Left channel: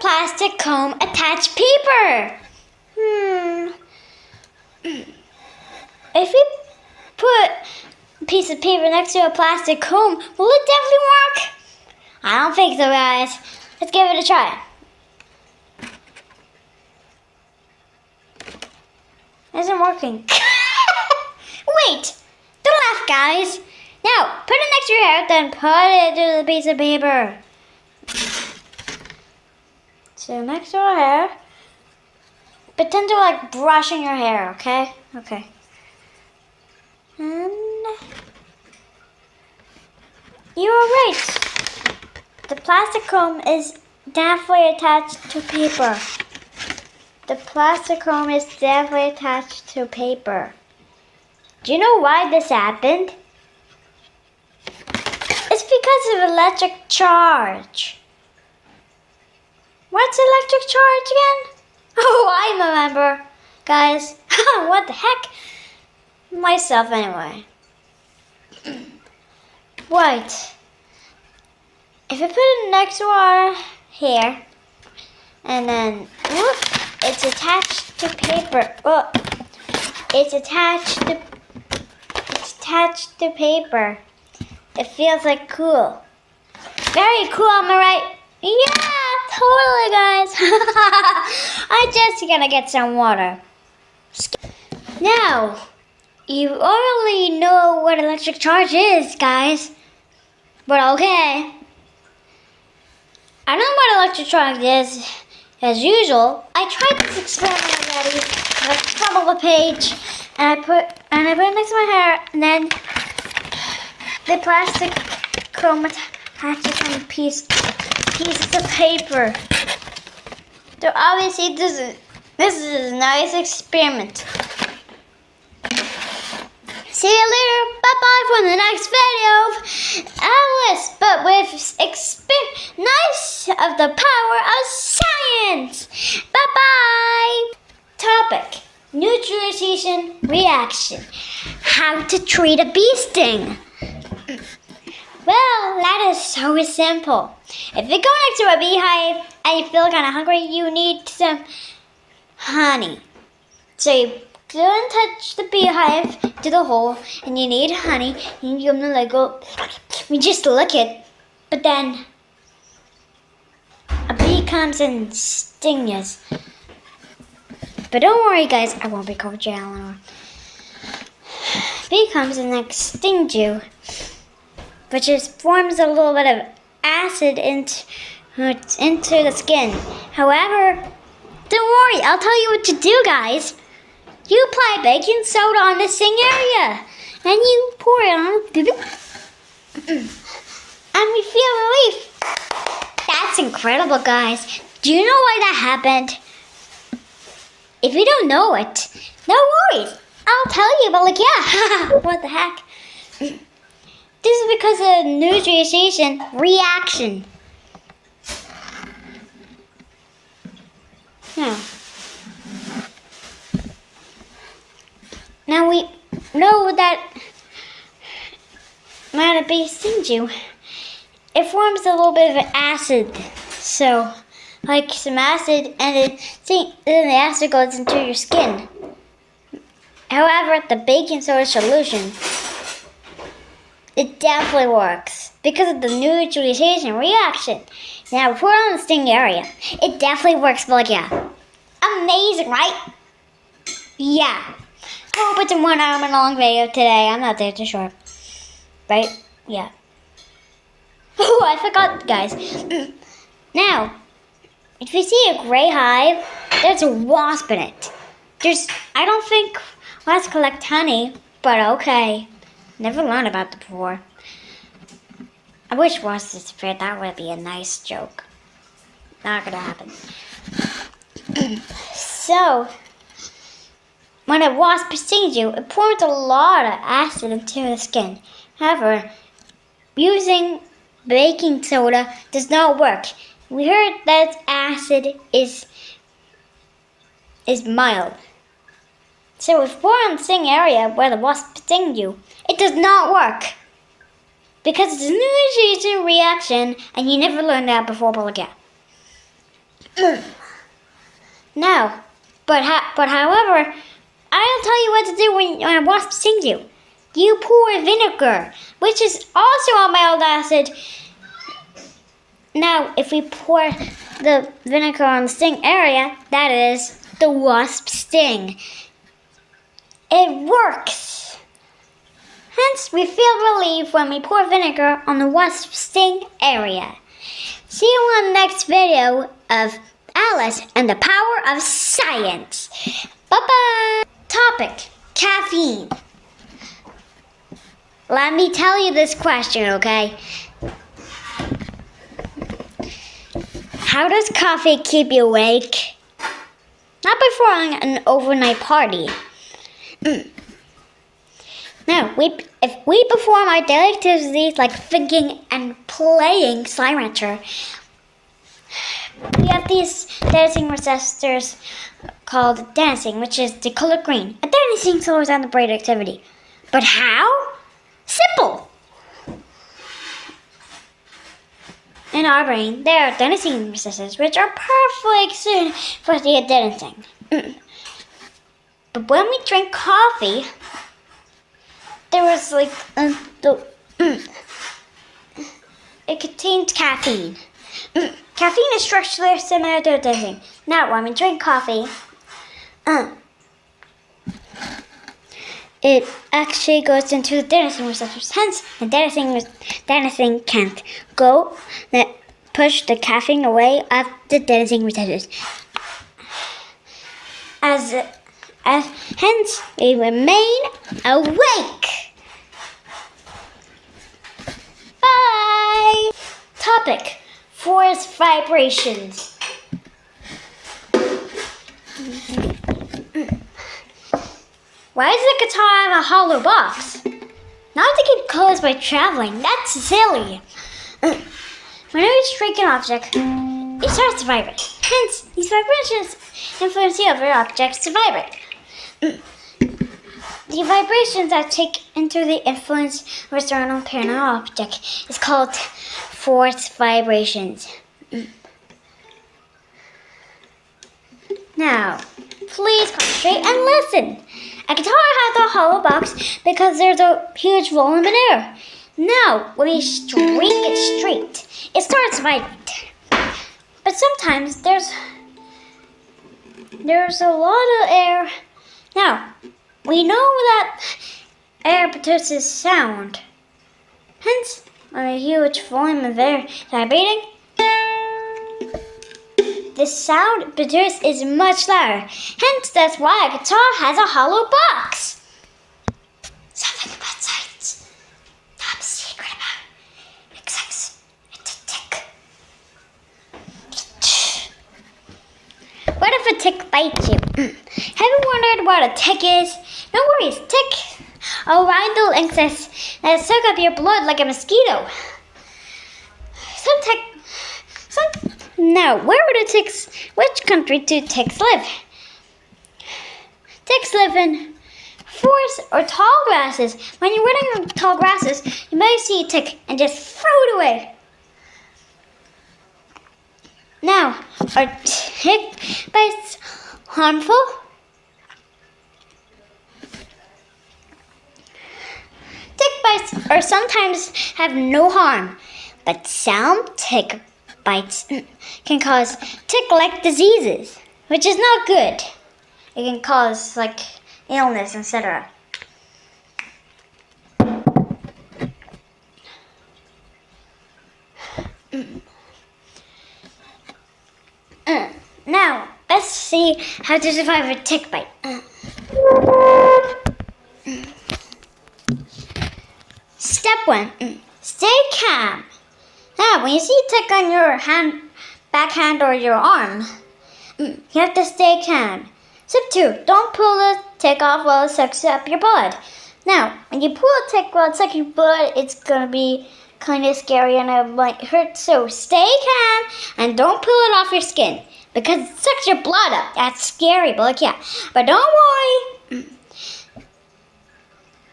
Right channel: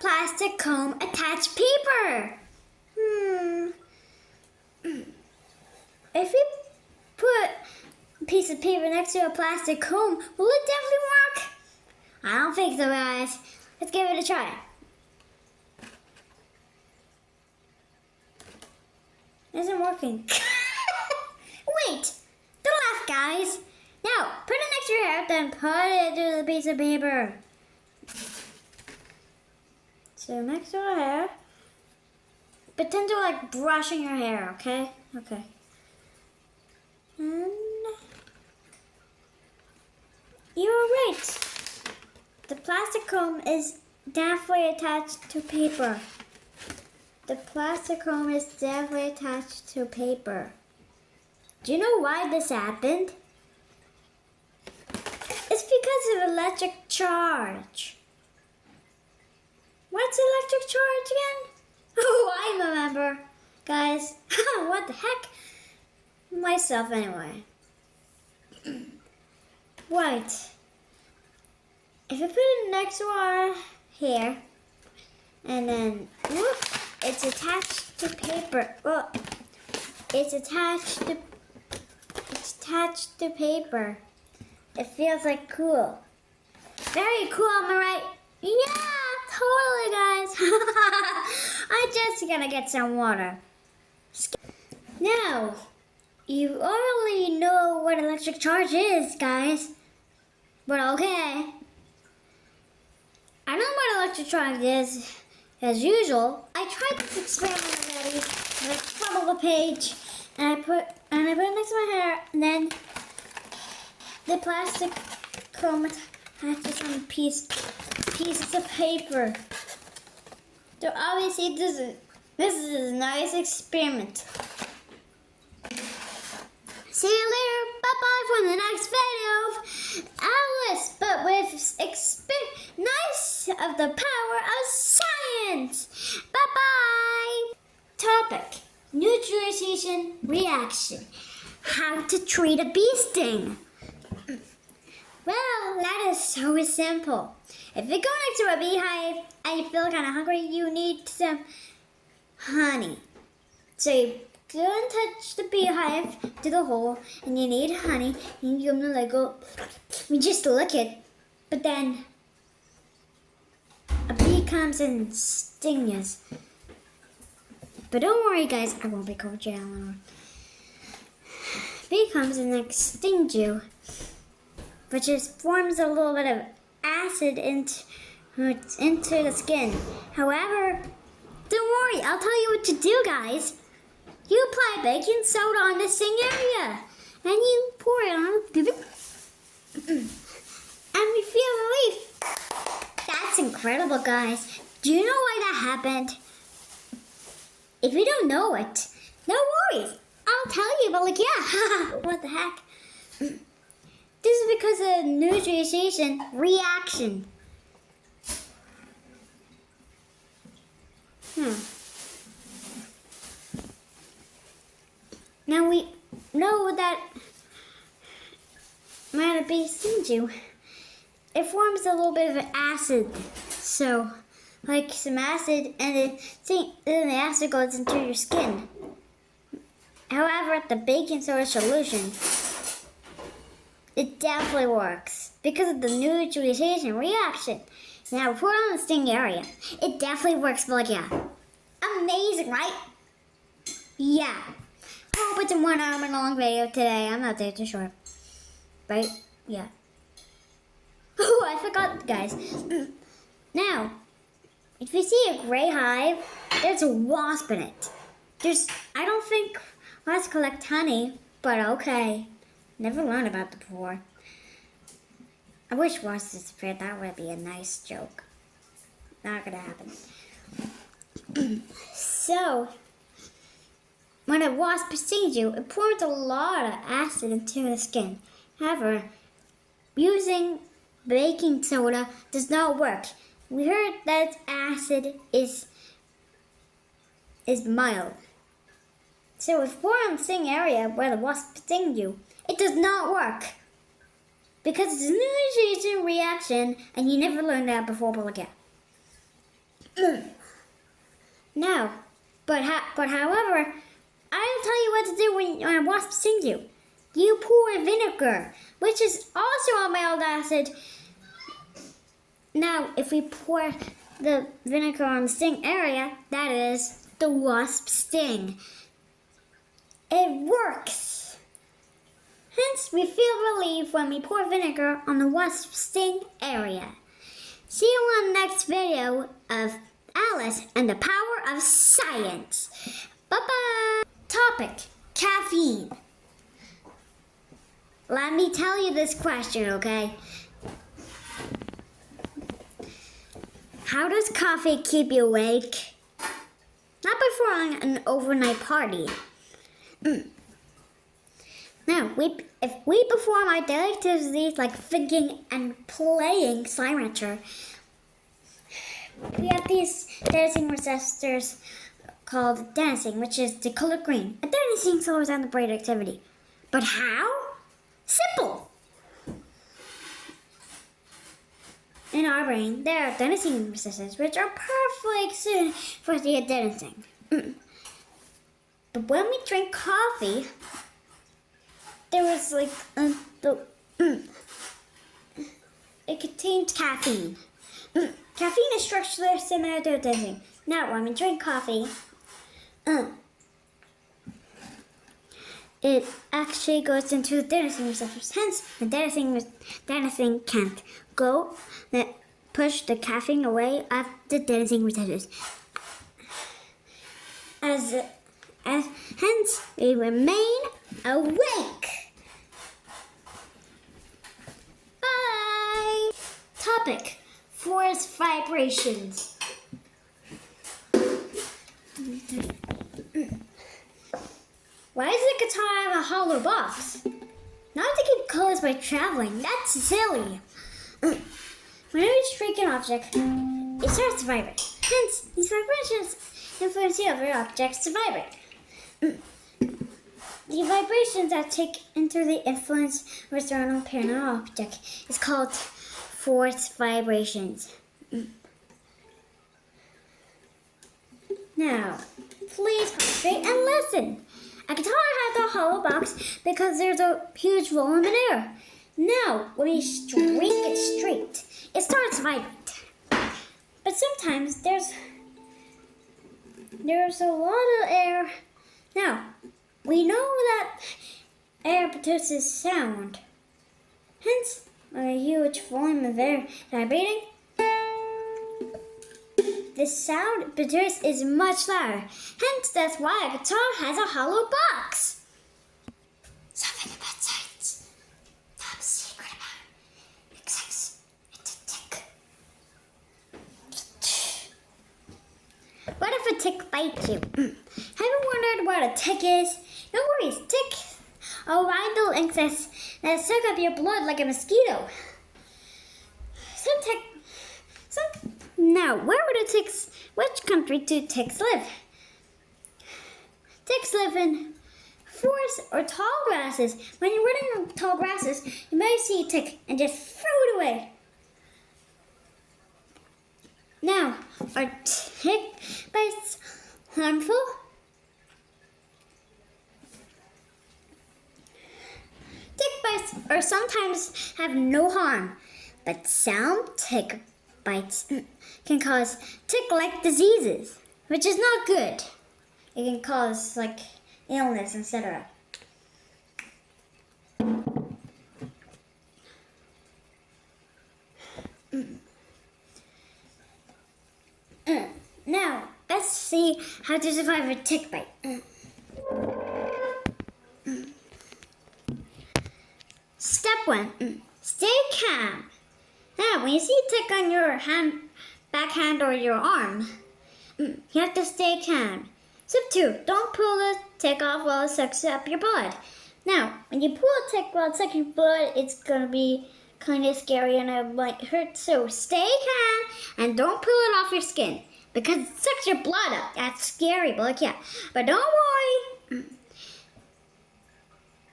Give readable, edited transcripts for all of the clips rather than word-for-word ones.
plastic comb attach paper? If we put a piece of paper next to a plastic comb, will it definitely work? I don't think so, guys. Let's give it a try. Isn't working. Wait! Don't laugh, guys. Now, put it next to your hair, then put it to the piece of paper. So next to our hair, pretend you're like brushing your hair, okay? Okay. And you were right. The plastic comb is definitely attached to paper. The plastic comb is definitely attached to paper. Do you know why this happened? It's because of electric charge. What's electric charge again? Oh, I remember. Guys, what the heck? Myself anyway. Right. If I put it next to our hair, and then whoop, it's attached to paper. Oh, it's attached to paper. It feels like cool. Very cool, am I right? Yeah, totally, guys. I'm just gonna get some water. Now, you already know what electric charge is, guys. But okay. I don't know what electric charge is. As usual, I tried this experiment already. I crumbled the page, and I put it next to my hair, and then the plastic comb attaches some pieces of paper. So obviously, this is a nice experiment. See you later. Bye-bye from the next video. Alice, but with nice of the power of science. Bye-bye. Topic: neutralization reaction. How to treat a bee sting. Well, that is so simple. If you go next to a beehive and you feel kind of hungry, you need some honey. So you go and touch the beehive to the hole, and you need honey. And you're gonna like go, you just lick it, but then a bee comes and stings you. But don't worry, guys, I won't be called you Eleanor. Bee comes and like stings you, but just forms a little bit of acid into the skin. However, don't worry, I'll tell you what to do, guys. You apply baking soda on the sting area, and you pour it on, and we feel relief. That's incredible, guys. Do you know why that happened? If you don't know it, no worries. I'll tell you, but like, yeah, what the heck? This is because of neutralization reaction. Now we know that when a bee stings you, it forms a little bit of an acid. So, like some acid, and then the acid goes into your skin. However, the baking soda solution, it definitely works because of the neutralization reaction. Now, pour it on the sting area. It definitely works, but like, yeah. Amazing, right? Yeah. Hope it's a 1 hour long video today. I'm not there too short. Right? Yeah. Oh, I forgot, guys. Now, if you see a gray hive, there's a wasp in it. I don't think wasps collect honey, but okay. Never learned about that before. I wish wasps disappeared. That would be a nice joke. Not gonna happen. So, when a wasp stings you, it pours a lot of acid into the skin. However, using baking soda does not work. We heard that acid is mild. So if we're on the sting area where the wasp stings you, it does not work. Because it's a neutralization reaction, and you never learned that before, but look at. No, but however, I'll tell you what to do when a wasp stings you. You pour vinegar, which is also a mild acid. Now, if we pour the vinegar on the sting area, that is the wasp sting. It works. Hence, we feel relief when we pour vinegar on the wasp sting area. See you on the next video of Alice and the Power of Science. Bye-bye. Topic, caffeine. Let me tell you this question, okay? How does coffee keep you awake? Not before an overnight party. Now, if we perform our daily activities like thinking and playing Slime Rancher, we have these dancing receptors called dancing, which is the color green. And dancing slows down the brain activity. But how? Simple! In our brain, there are adenosine receptors, which are perfectly suited for the adenosine. But when we drink coffee, there is it contains caffeine. Caffeine is structurally similar to adenosine. Now, when we drink coffee, it actually goes into the adenosine receptors. Hence, the adenosine can't go push the caffeine away of the adenosine receptors. Hence, we remain awake. Bye. Topic: force vibrations. Why does the guitar have a hollow box? Not to keep closed by traveling. That's silly. Whenever you strike an object, it starts to vibrate. Hence, these vibrations influence the other objects to vibrate. The vibrations that take into the influence of a certain parent object is called force vibrations. Now, please concentrate and listen. A guitar has a hollow box because there's a huge volume in air. Now, when you string it straight, it starts to vibrate. But sometimes there's a lot of air. Now, we know that air produces sound. Hence, when a huge volume of air is vibrating, the sound produced is much louder. Hence, that's why a guitar has a hollow box. Something about science. Top secret about insects. It's a tick. What if a tick bites you? Have you wondered what a tick is? No worries, tick are little insects that suck up your blood like a mosquito. Now, which country do ticks live? Ticks live in forests or tall grasses. When you're running on tall grasses, you may see a tick and just throw it away. Now, are tick bites harmful? Tick bites are sometimes have no harm, but some tick bites can cause tick-like diseases, which is not good. It can cause illness, etc. Now, let's see how to survive a tick bite. Step 1. Stay calm. Now, when you see a tick on your backhand or your arm, you have to stay calm. Step 2. Don't pull the tick off while it sucks up your blood. Now, when you pull a tick while it sucks your blood, it's going to be kind of scary and it might hurt. So stay calm and don't pull it off your skin because it sucks your blood up. That's scary, but But don't worry.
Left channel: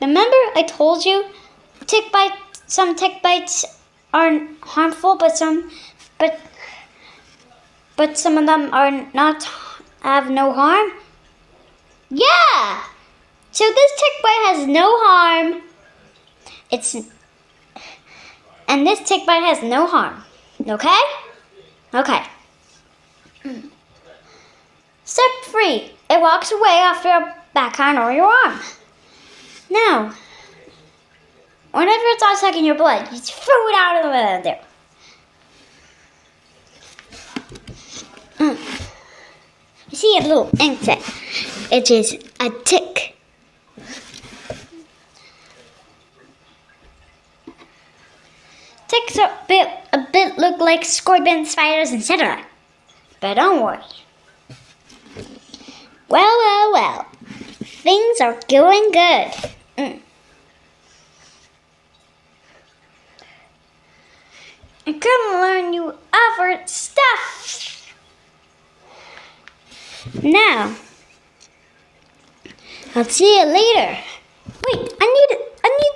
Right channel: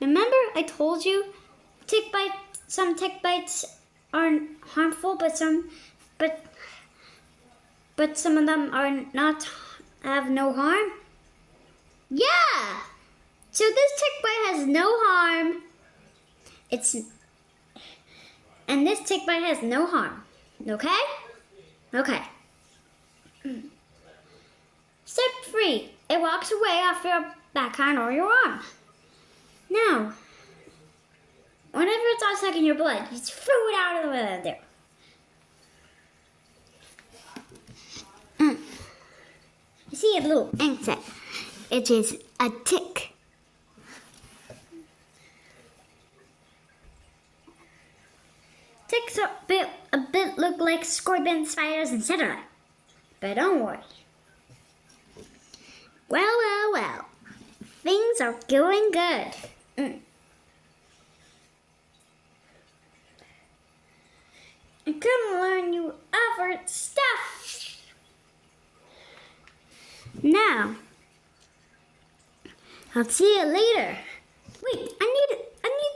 Remember I told you some tick bites are harmful, but some of them are not have no harm? Yeah! So this tick bite has no harm. And this tick bite has no harm. Okay? Okay. Step 3. It walks away off your backhand or your arm. Now, whenever it's not sucking your blood, you just throw it out of the middle there. You see a little insect. It is a tick. Ticks are a bit look like scorpions, spiders, etc. But don't worry. Well. Things are going good. I'm gonna learn you other stuff. Now, I'll see you later. Wait, I need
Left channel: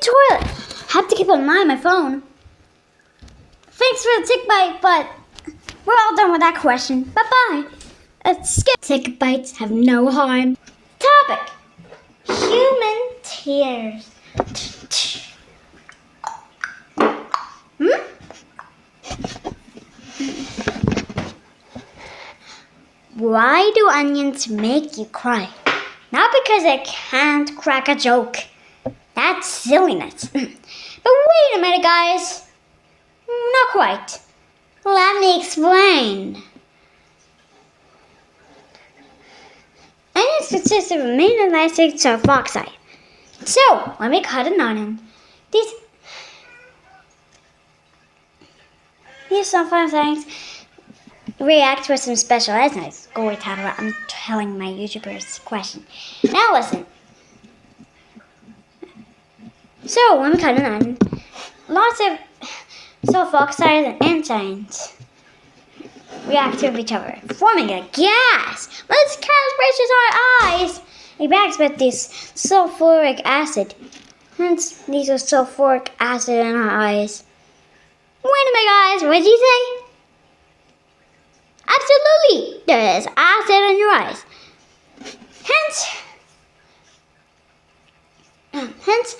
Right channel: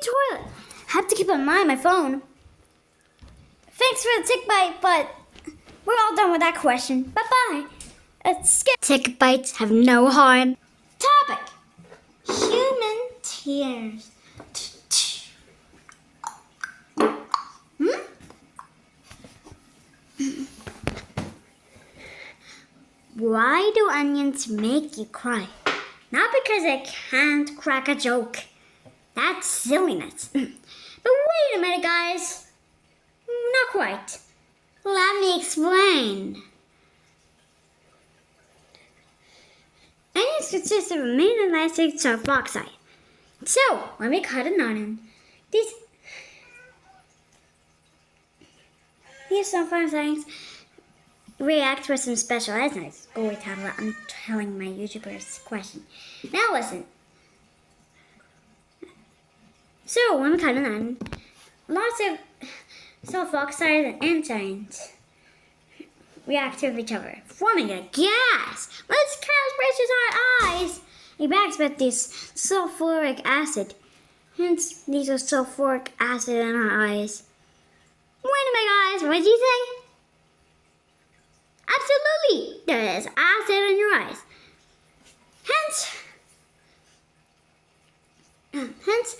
toilet. Have to keep an eye on my phone. Thanks for the tick bite, but we're all done with that question. Bye-bye. Let's skip. Tick bites have no harm. Topic: human tears. Why do onions make you cry? Not because they can't crack a joke. That's silliness. But wait a minute, guys. Not quite. Let me explain. Onions consist of a main elastic sulfoxide. So, when we cut an onion, these sulfoxides react with some special enzymes. Go away, tablet. I'm telling my YouTubers question. Now listen. So, when we cut an onion, lots of sulfoxides and enzymes react with each other, forming a gas. When this gas reaches our eyes, it reacts with this sulfuric acid. Hence, these are sulfuric acid in our eyes. Wait a minute, guys. What did you say? Absolutely, there is acid in your eyes. Hence,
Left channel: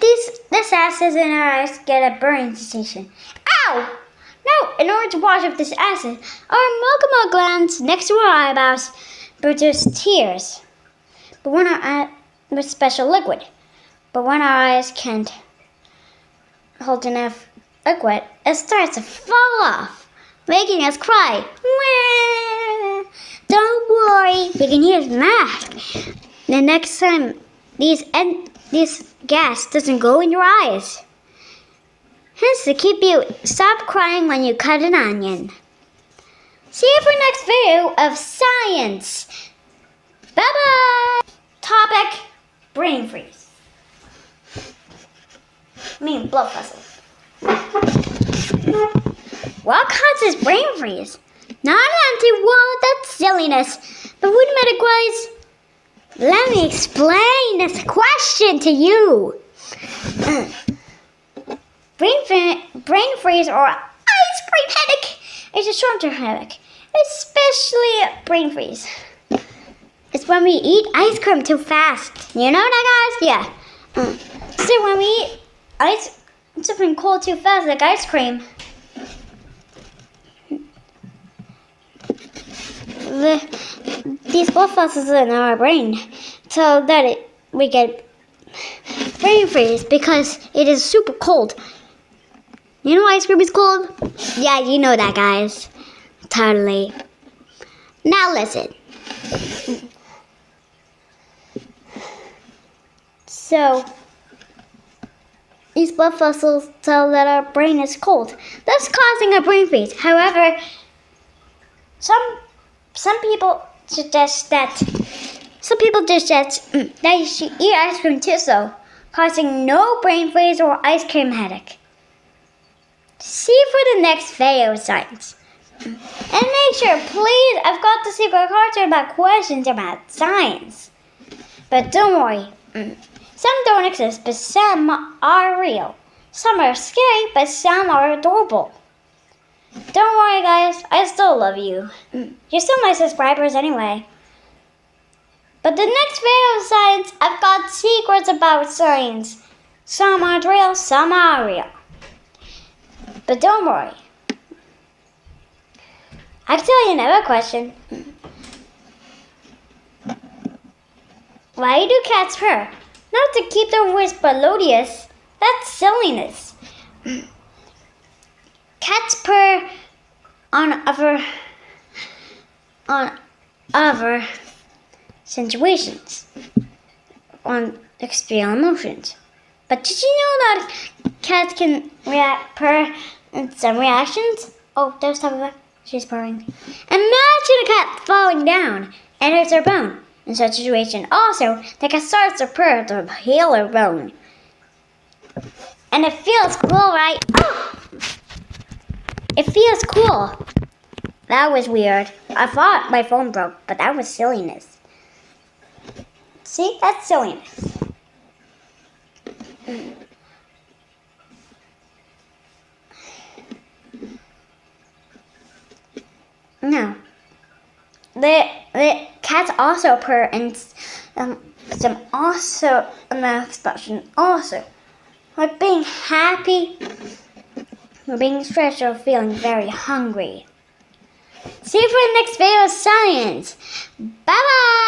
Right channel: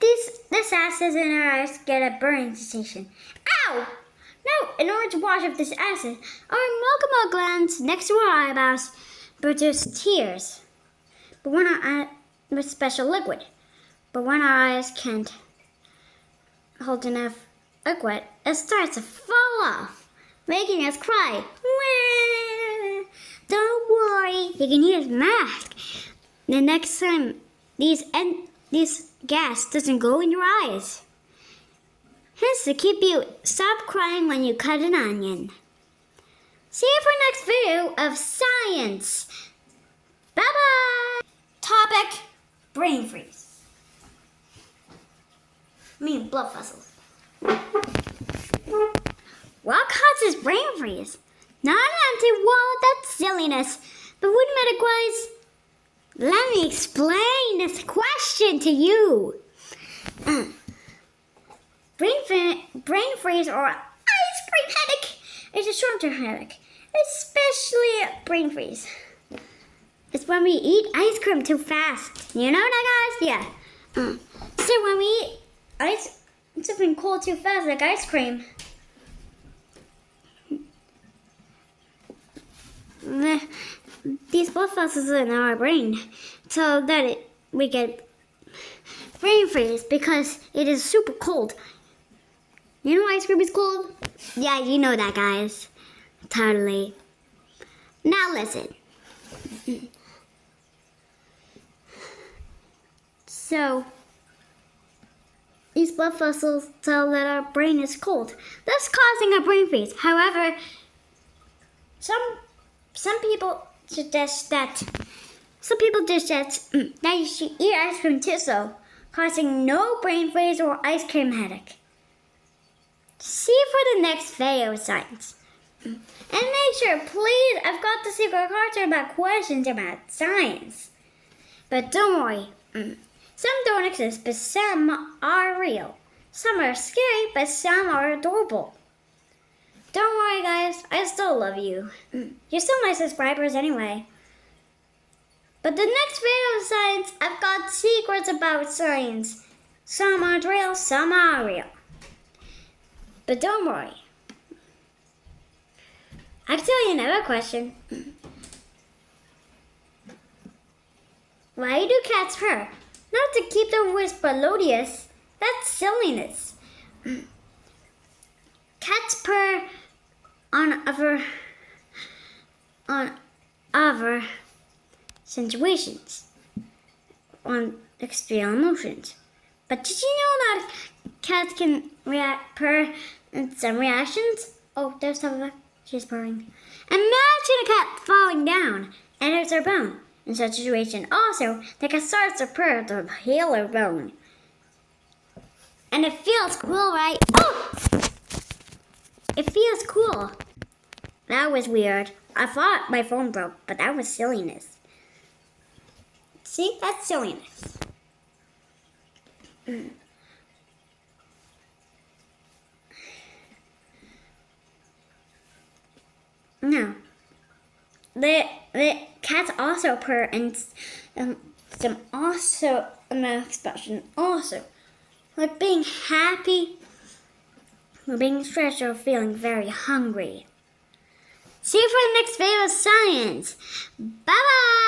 this acid in our eyes get a burning sensation. Ow! Now, in order to wash off this acid, our mucosa glands next to our eyebrows produce tears. But when with special liquid. But when our eyes can't hold enough liquid, it starts to fall off, making us cry. Don't worry, you can use mask. The next time this gas doesn't go in your eyes. Hence to keep you stop crying when you cut an onion. See you for next video of science. Bye bye. Topic: brain freeze. Blood vessels. What causes brain freeze? Not an empty wall, that's silliness. But wait a minute, guys. Let me explain this question to you. Brain freeze or ice cream headache is a short-term headache, especially brain freeze. It's when we eat ice cream too fast. You know that, guys? Yeah. So when we eat something cold too fast, like ice cream, these blood vessels in our brain, so that we get brain freeze because it is super cold. You know ice cream is cold? Yeah, you know that, guys. Totally. Now listen. So, these blood vessels tell that our brain is cold, thus causing a brain freeze. However, some people suggest that you should eat ice cream too, so causing no brain freeze or ice cream headache. See you for the next video of science. And make sure, please, I've got the secret cards about questions about science. But don't worry, some don't exist, but some are real. Some are scary, but some are adorable. Don't worry, guys, I still love you. You're still my subscribers anyway. But the next video of science, I've got secrets about science. Some aren't real, some are real. But don't worry. I can tell you another question. Why do cats purr? Not to keep their voice melodious. That's silliness. Cats purr on other situations, on extreme emotions. But did you know that cats can purr in some reactions? Oh, there's Tabitha. She's purring. Imagine a cat falling down and hurts her bone. In such a situation, also, the cat starts to purr to heal her bone. And it feels cool, right? Oh! It feels cool. That was weird. I thought my phone broke, but that was silliness. See, that's silliness. No. The cats also purr and some also another expression also, like being happy, or being stressed, or feeling very hungry. See you for the next video of science. Bye bye.